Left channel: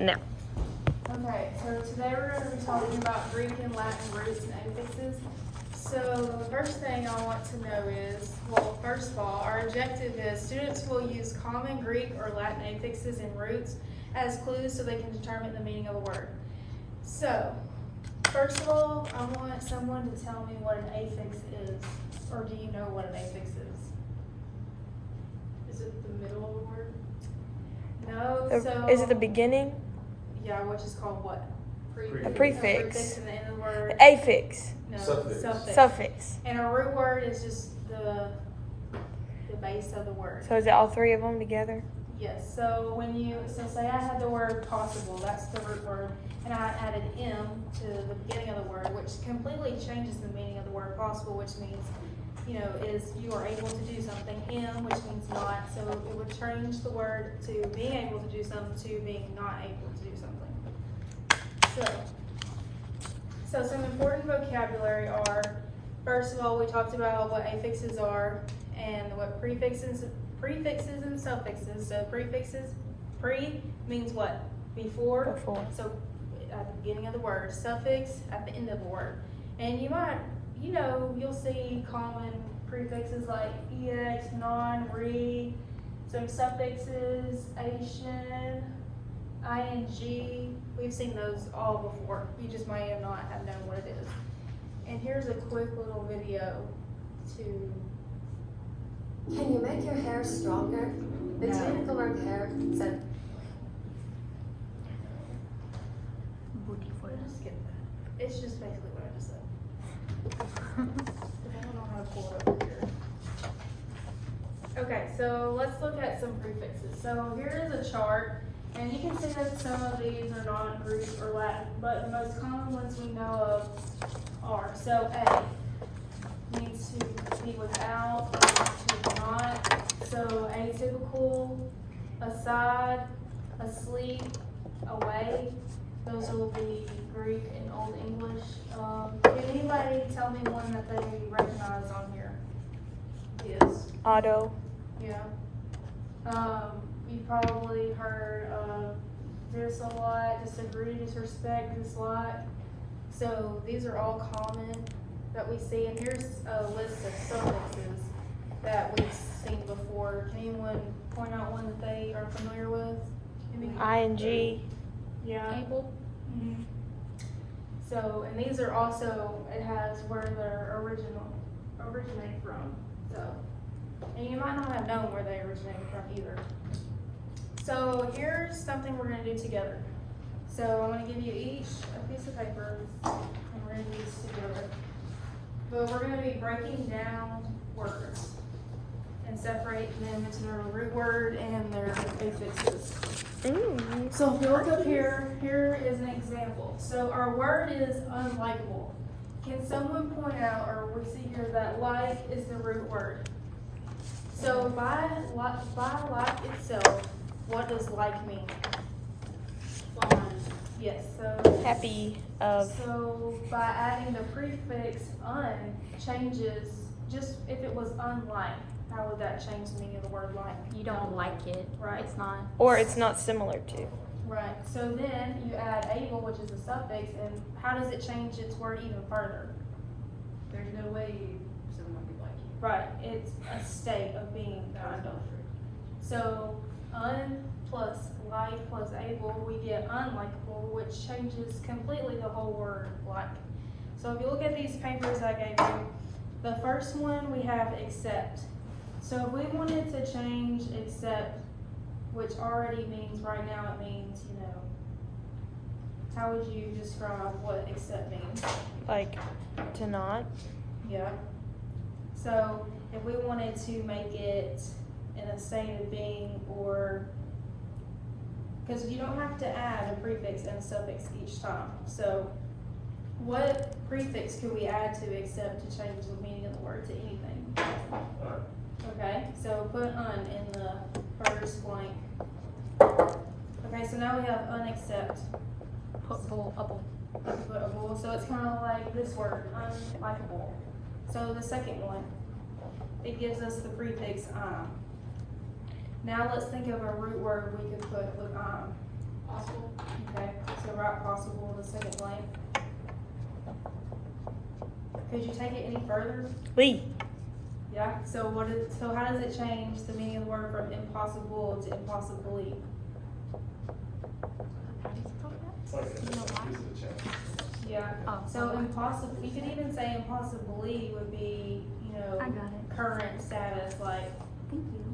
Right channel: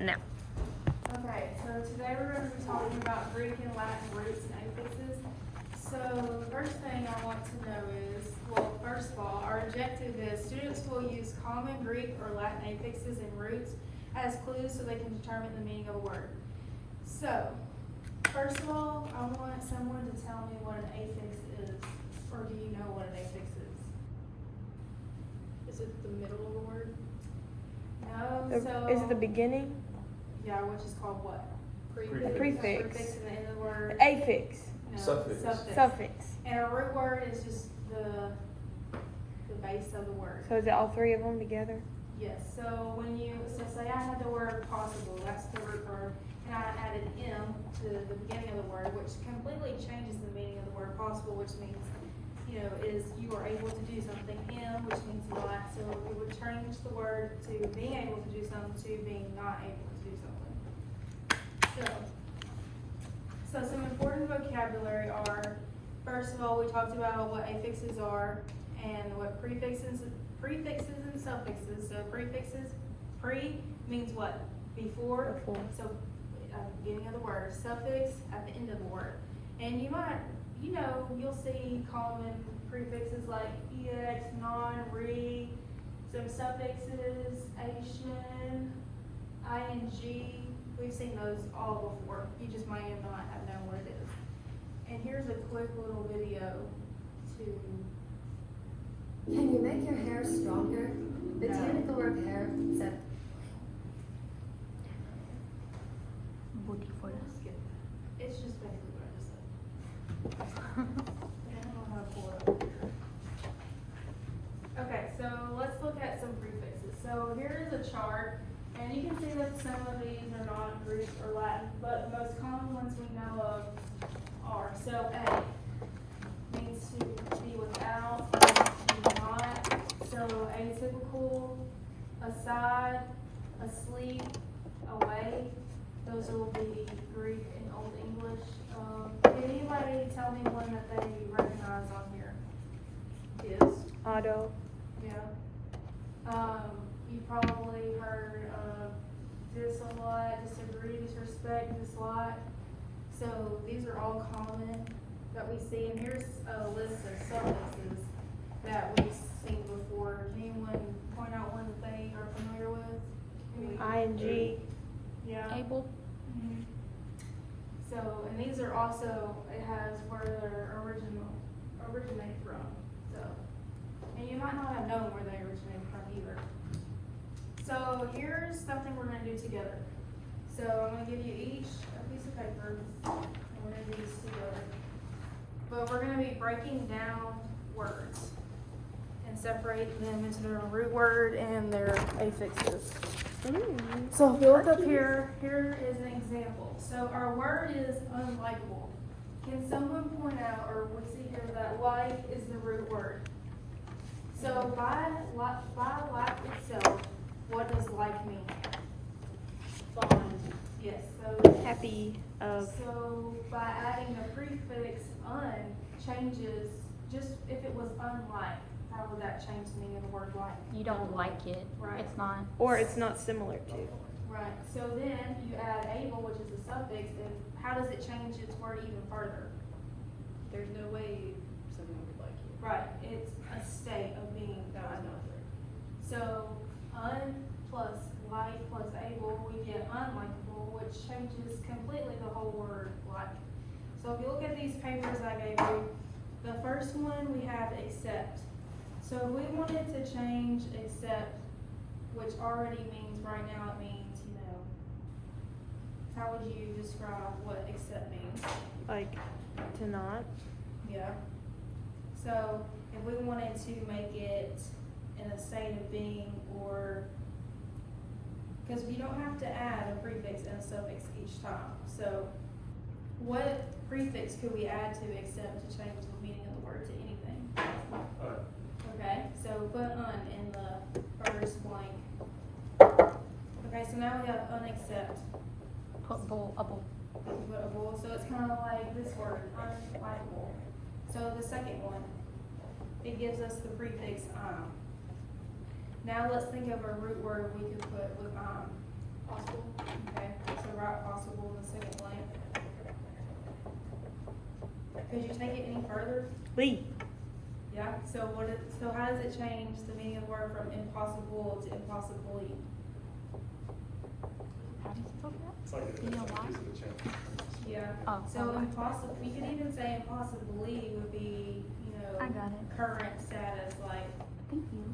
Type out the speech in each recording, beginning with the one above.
No. Okay, so today we're going to be talking about Greek and Latin roots and affixes. So the first thing I want to know is, well, first of all, our objective is students will use common Greek or Latin affixes and roots as clues so they can determine the meaning of a word. So, first of all, I want someone to tell me what an affix is, or do you know what an affix is? Is it the middle of a word? No, so... Is it the beginning? Yeah, which is called what? The A prefix. prefix in the end of the word. The affix. No, Suffix. Suffix. And a root word is just the base of the word. So is it all three of them together? Yes, so say I had the word possible, that's the root word, and I added M to the beginning of the word, which completely changes the meaning of the word possible, which means, is you are able to do something. M, which means not, so it would change the word to being able to do something to being not able to do something. So some important vocabulary are, first of all, we talked about what affixes are and what prefixes and suffixes. So prefixes, pre means what? Before. Before. So at the beginning of the word. Suffix at the end of the word. And you might, you'll see common prefixes like ex, non, re, some suffixes, ation, ing. We've seen those all before. You just may not have known what it is. And here's a quick little video to... Can you make your hair stronger? Botanical repair said. Skip that. It's just basically what I just said. I don't know how to pull it up here. Okay, so let's look at some prefixes. So here is a chart, and you can see that some of these are not Greek or Latin, but the most common ones we know of are. So A means to be without, to be not. So atypical, aside, asleep, away. Those will be Greek and Old English. Can anybody tell me one that they recognize on here? Is. Auto. Yeah. You probably heard of dislike, disagree, disrespect, dislike. So these are all common that we see. And here's a list of suffixes that we've seen before. Can anyone point out one that they are familiar with? ING. Yeah. Able. Mm-hmm. So, and these are also, it has where they're originate from. So, and you might not have known where they originate from either. So here's something we're going to do together. So I'm going to give you each a piece of paper, and we're going to do this together. But we're going to be breaking down words and separate them into their root word and their affixes. So if you look up here, here is an example. So our word is unlikable. Can someone point out, or we see here that like is the root word. So by like itself, what does like mean? Fond. Yes, so Happy of. So by adding the prefix un changes, just if it was unlike, how would that change the meaning of the word like? You don't like it. Right. It's not. Or it's not similar to. Right. So then you add able, which is a suffix, and how does it change its word even further? There's no way someone would like you. Right. It's a state of being kind of. So un plus like plus able, we get unlikable, which changes completely the whole word like. So if you look at these papers I gave you, the first one we have accept. So if we wanted to change accept, which already means right now it means, how would you describe what accept means? Like to not. Yeah. So if we wanted to make it in a state of being, or because you don't have to add a prefix and a suffix each time. So what prefix could we add to accept to change the meaning of the word to anything? Okay, so put un in the first blank. Okay, so now we have unaccept. Put bull, a bull. Put a bull, so it's kind of like this word, unlikable. So the second one, it gives us the prefix Now let's think of a root word we could put with Possible. got possible in the second blank? Could you take it any further? Lee. Yeah, so how does it change the meaning of the word from impossible to impossibly? It's like a different piece of the change. Yeah, Oh, so okay. impossible, you could even say impossibly would be, I got it. current status, like, Thank you.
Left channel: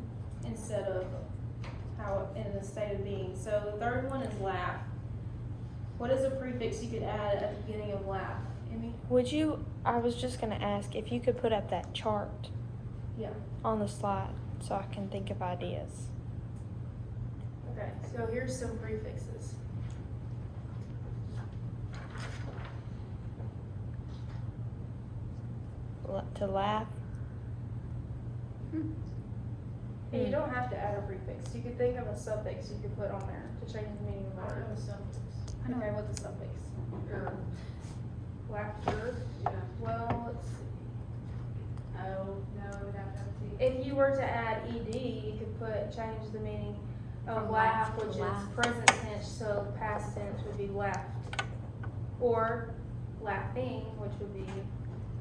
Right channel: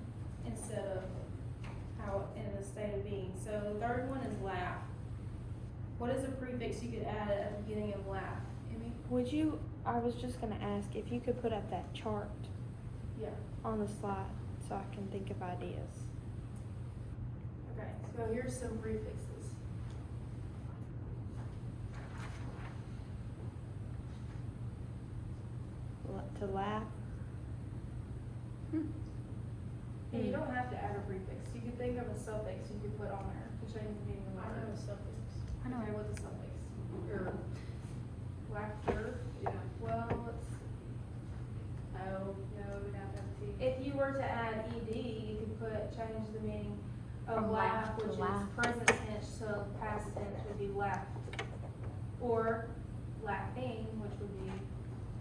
instead of how, in the state of being. So the third one is laugh. What is a prefix you could add at the beginning of laugh? Amy? Would you, I was just gonna ask if you could put up that chart Yeah. on the slide so I can think of ideas. Okay, so here's some prefixes. To laugh. And you Hmm. don't have to add a prefix. You could think of a suffix you could put on there to change the meaning of the I don't know word. suffix. Okay, what's a suffix? Laughter. Yeah. Well, Oh, no, we'd have to have a T. if you were to add ed, you could change the meaning of From laugh, laugh to which is laugh. present tense, so past tense would be laughed. Or laughing, which would be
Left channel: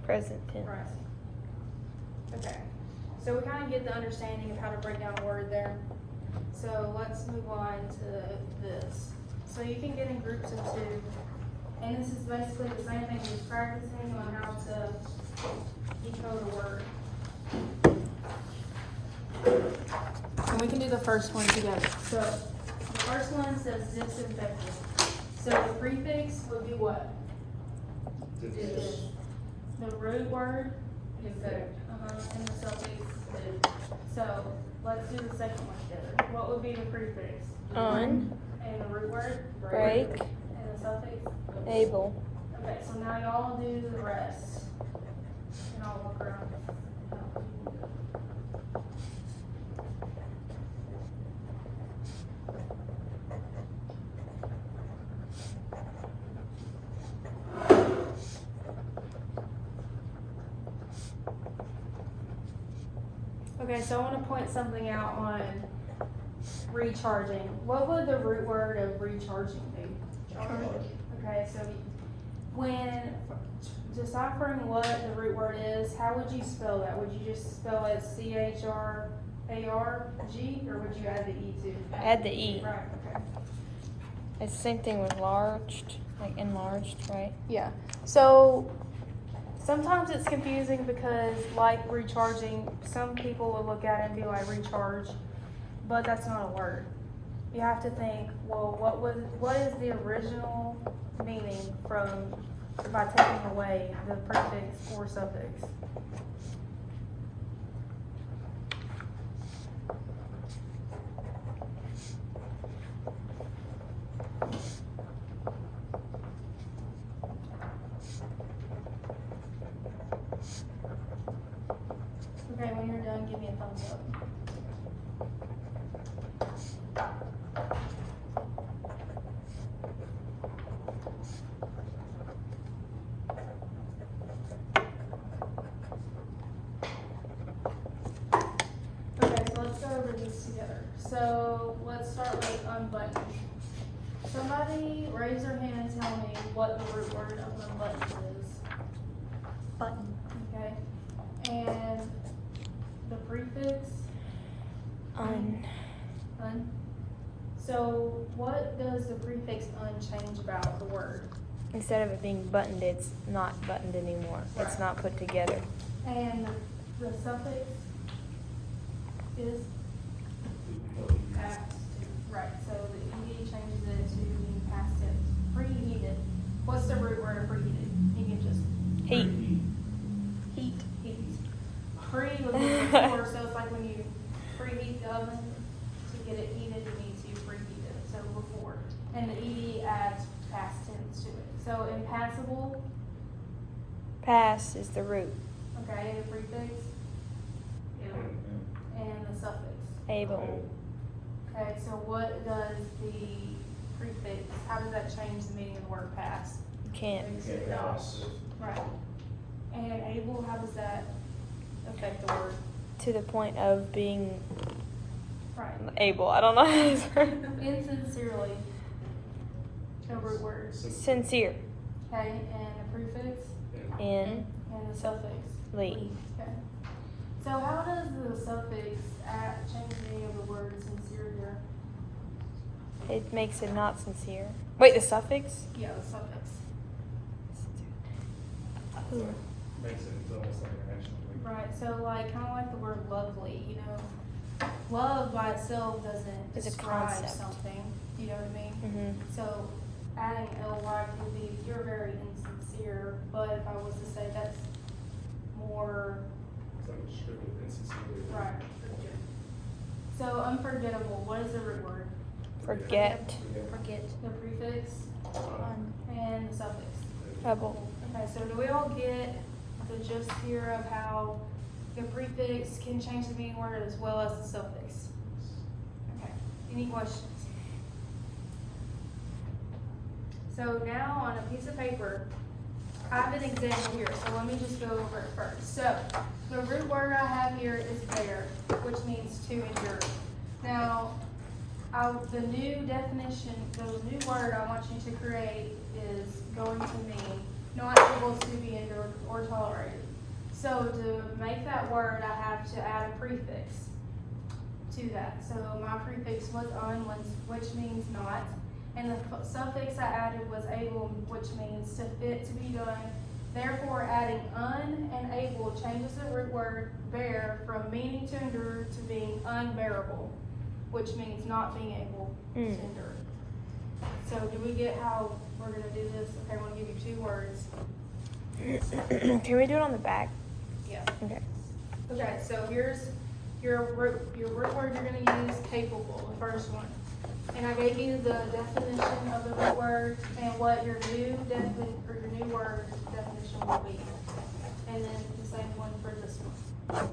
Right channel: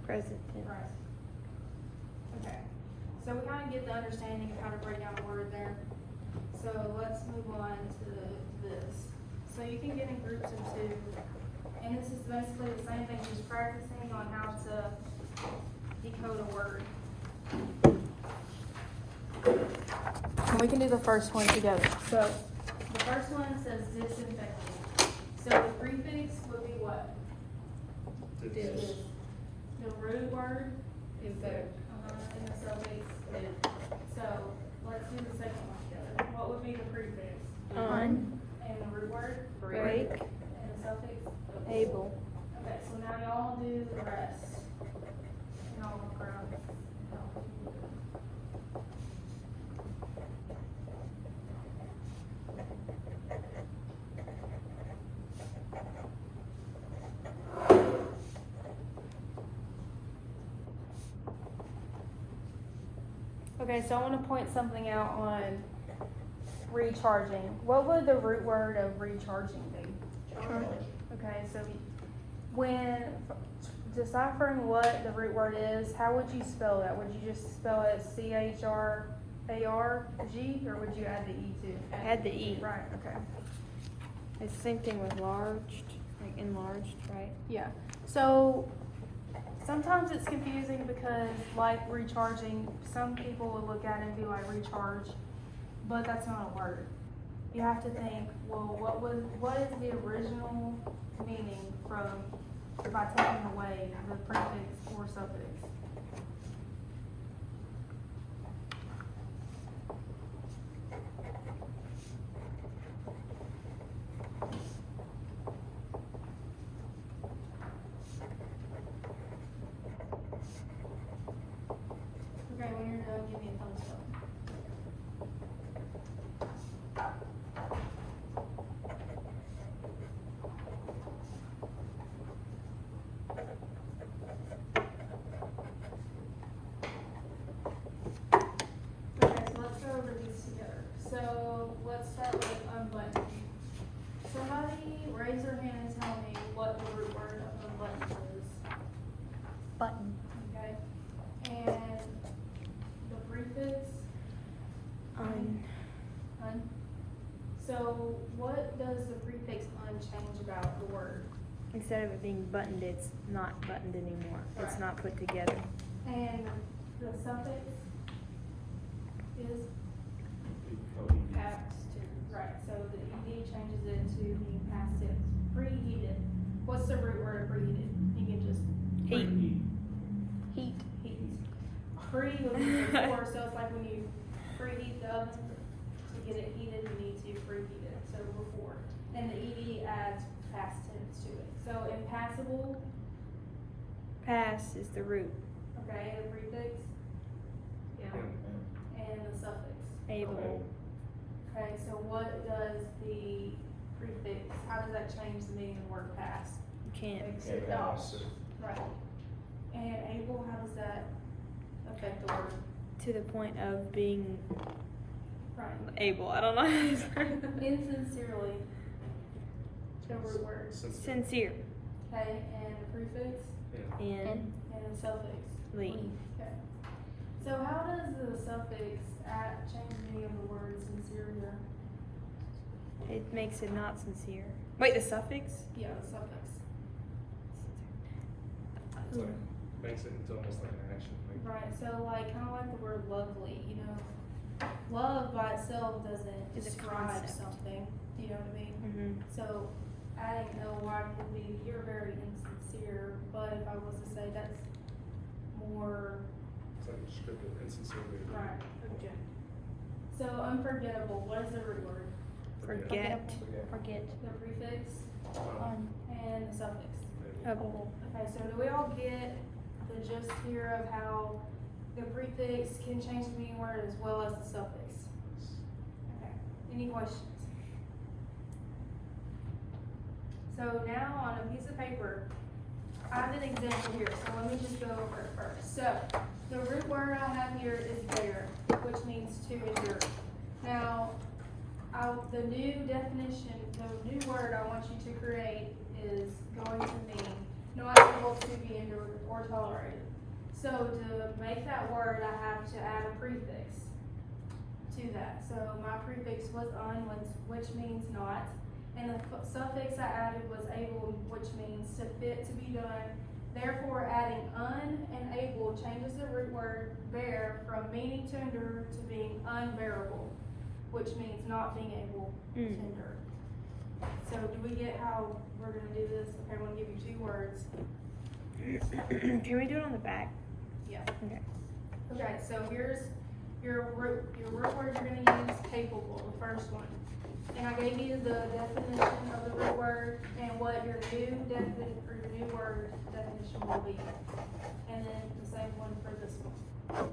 Present tense. present. Okay, so we kind of get the understanding of how to break down a word there. So let's move on to this. So you can get in groups of two, and this is basically the same thing, just practicing on how to decode a word. And we can do the first one together. So the first one says disinfectant. So the prefix would be what? Dis. The root word, Infect. and the suffix is. So let's do the second one together. What would be the prefix? Un. And the root word? Break. And the suffix? Able. Okay, so now y'all do the rest. And I'll walk around. Okay, so I want to point something out on recharging. What would the root word of recharging be? Okay, so when deciphering what the root word is, how would you spell that? Would you just spell it CHRARG, or would you add the E to? Add the E. Right, okay. It's the same thing with larged, like enlarged, right? Yeah, so sometimes it's confusing because like recharging, some people will look at it and be like recharge, but that's not a word. You have to think, well, what is the original meaning by taking away the prefix or suffix? Okay, when you're done, give me a thumbs up. Okay, so let's go over these together. So let's start with unbutton. Somebody raise their hand and tell me what the root word of unbutton is. Button. Okay, and the prefix, Un. un. So what does the prefix un change about the word? Instead of it being buttoned, it's not buttoned anymore. It's Right. not put together. And the suffix is past, right, so the ed changes it to being past tense. Preheated, what's the root word of preheated? You can just Heat. heat. Pre would be before, so it's like when you preheat the oven to get it heated, you need to preheat it, so before. And the ed adds past tense to it. So impassable, Pass is the root. okay, and the prefix, and the suffix. Able. Okay, so what does the prefix, how does that change the meaning of the word pass? You can't. Right. And able, how does that affect the word? To the point of being Right. able. I don't know how to say it. Insincerely. the root word. Sincere. Okay, and a prefix In. and a suffix. Lee. Okay. So how does the suffix change the meaning of the word sincere here? It makes it not sincere. Wait, the suffix? Yeah, the suffix. So it makes it into almost like an action. Right, so like, kind of like the word lovely, you know, love by itself doesn't It's a describe concept. something, you know what I mean? Mm-hmm. So adding ly could be, you're very insincere, but if I was to say that's more, It's like a strip of insincerity. right. So unforgettable, what is the root word? Forget. Forget. The prefix and the suffix. Double. Okay, so do we all get the gist here of how the prefix can change the meaning word as well as the suffix? Okay, any questions? So now on a piece of paper, I have an example here, so let me just go over it first. So, the root word I have here is bear, which means to endure. Now, the new definition, the new word I want you to create is going to mean not able to be endured or tolerated. So to make that word, I have to add a prefix to that. So my prefix was which means not, and the suffix I added was able, which means to fit, to be done. Therefore, adding un and able changes the root word bear from meaning to endure to being unbearable, which means not being able to endure. So do we get how we're gonna do this? Okay, I'm gonna give you 2 words. Can we do it on the back? Yeah. Okay. Okay, so here's your root word you're gonna use, capable, the first one. And I gave you the definition of the root word and what your new word definition will be. And then the same one for this one.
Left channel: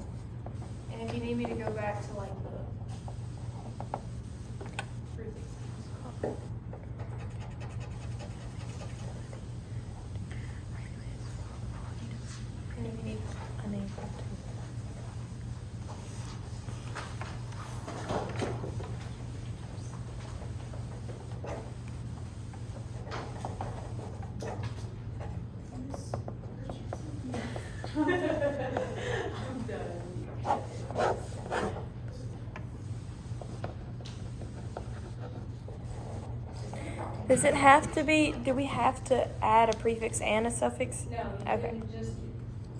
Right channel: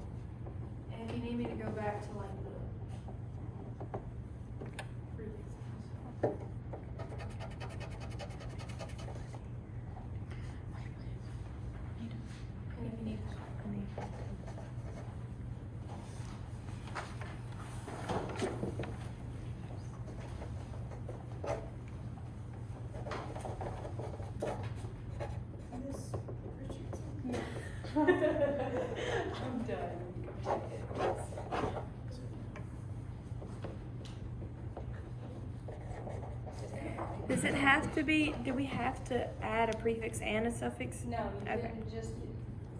And if you need me to go back to like the prefix. And if you need I'm done. Does it have to be, do we have to add a prefix and a suffix? No, you Okay. can just,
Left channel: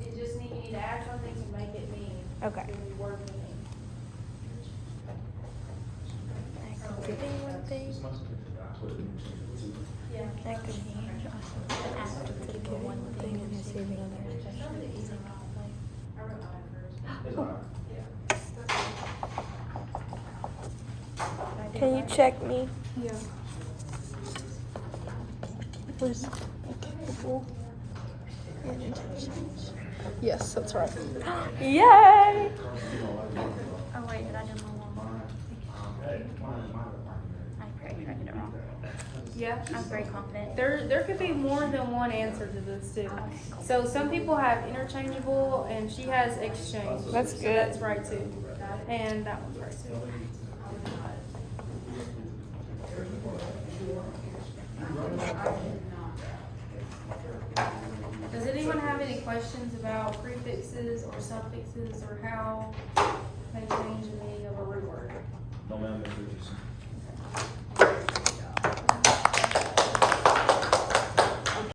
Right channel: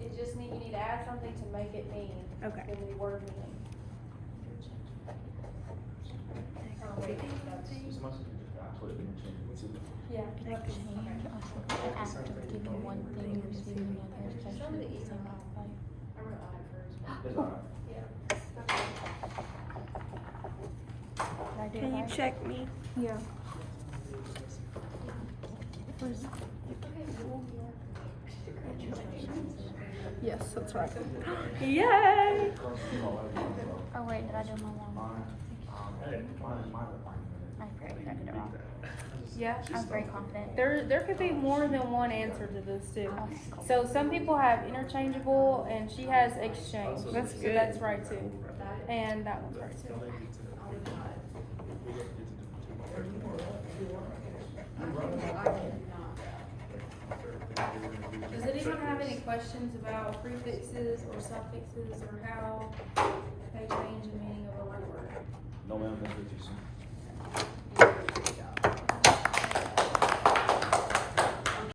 you need to add something to make it mean. Okay. The word to mean. As much as we can, I put it in change it to. Yeah. That could be. I have to give you one thing and see another, especially if it's like. I wrote I first. It's all right. Yeah. Can you check me? Yeah. Please. Yes, that's right. Yay! Oh wait, did I do my one? Yeah. I'm very confident. There could be more than one answer to this too. So some people have interchangeable and she has exchange. That's So good. that's right too. And that one's right too. Does anyone have any questions about prefixes or suffixes or how they change the meaning of a root word? No, ma'am, Ms. Richardson.